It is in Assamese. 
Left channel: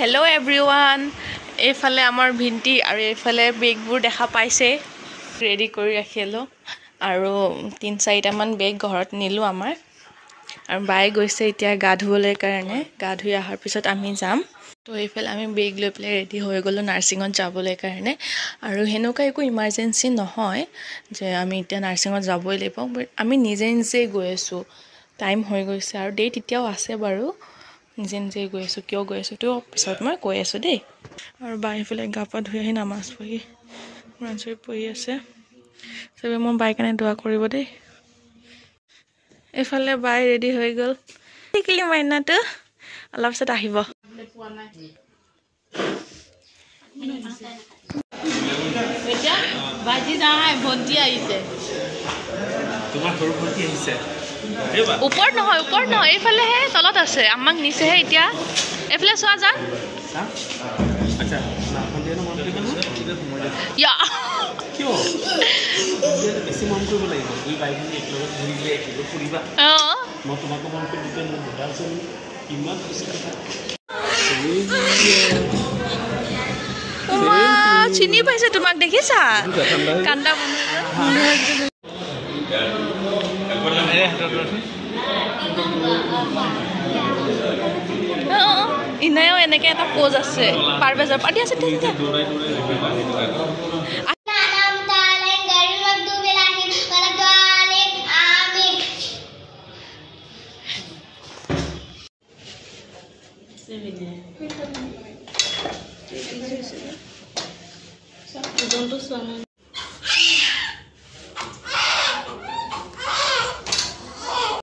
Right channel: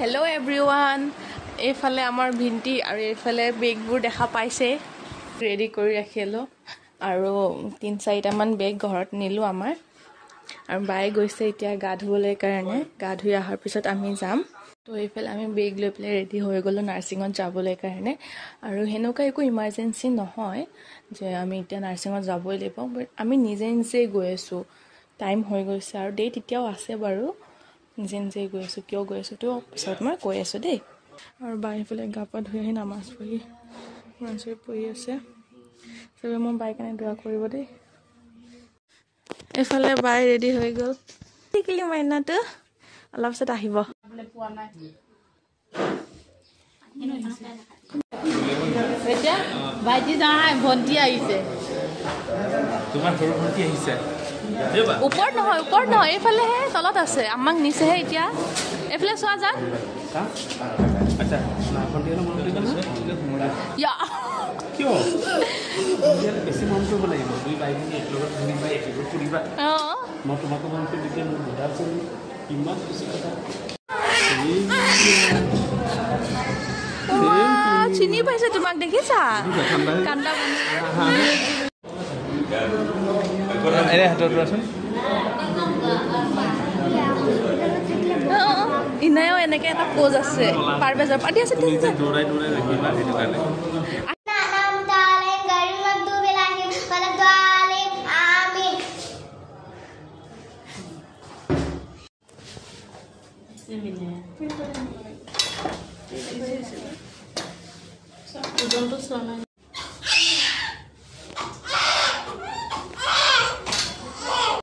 Hello everyone. এইফালে আমাৰ ভিন্টি আৰু এইফালে বেগবোৰ দেখা পাইছে ৰেডি কৰি ৰাখিলো আৰু 3-4টা মান বেগ ঘৰত নিলো আমাৰ আৰু বাই গৈছে এতিয়া গা ধুবলৈ কাৰণে গা ধুই আহাৰ পিছত আমি যাম তো এইফালে আমি বেগ লৈ প্লে ৰেডি হৈ গলো নাৰ্ছিঙত যাবলৈ কাৰণে আৰু হেনকা একো ইমাৰ্জেন্সি নহয় যে আমি এতিয়া নাৰ্ছিঙত যাবই লাগিব বাট আমি নিজে গৈ আছো টাইম হৈ গৈছে আৰু ডেট এতিয়াও আছে বাৰু নিজে গৈ আছো কিয় গৈ আছো তো পিছত মই কৈ আছো দেই আৰু বাইফালে গাপা ধুই আহি নামাজ পঢ়ি মনসৰি পঢ়ি আছে সবে মই বাই কাৰণে দোৱা কৰিব দেই এফালে বাই ৰেডি হৈ গল টিকলি মাইনাটো অলপ পিছত আহিব এতিয়া ভাইজি যাই ভন্টি আহিছে তোমাৰ সৰু ভন্টি আহিছে উপৰ নহয় এইফালে হে তলত আছে আমাক নিছে হে এতিয়া এফালে চোৱা যা আচ্ছা না ভন্টি না মন কৰিব ইয়া কিয় বেছি মন কৰিব লাগিব দুই ভাই ভন্টি একলগত ঘূৰিবা একলগত ফুৰিবা মই তোমাক মন কৰি দিপেন বুঢ়াজন কিমান খুশি কথা চিনি পাইছে তোমাক দেখিছা কান্দা বনাইছে আরে হাতত ৰাখি ইনায়ো এনেকে এটা পোজ আছে পাৰবেজৰ পাৰ্টি আছে দৌৰাই ৰাখিবা সেইটো কাৰণে Don't do so.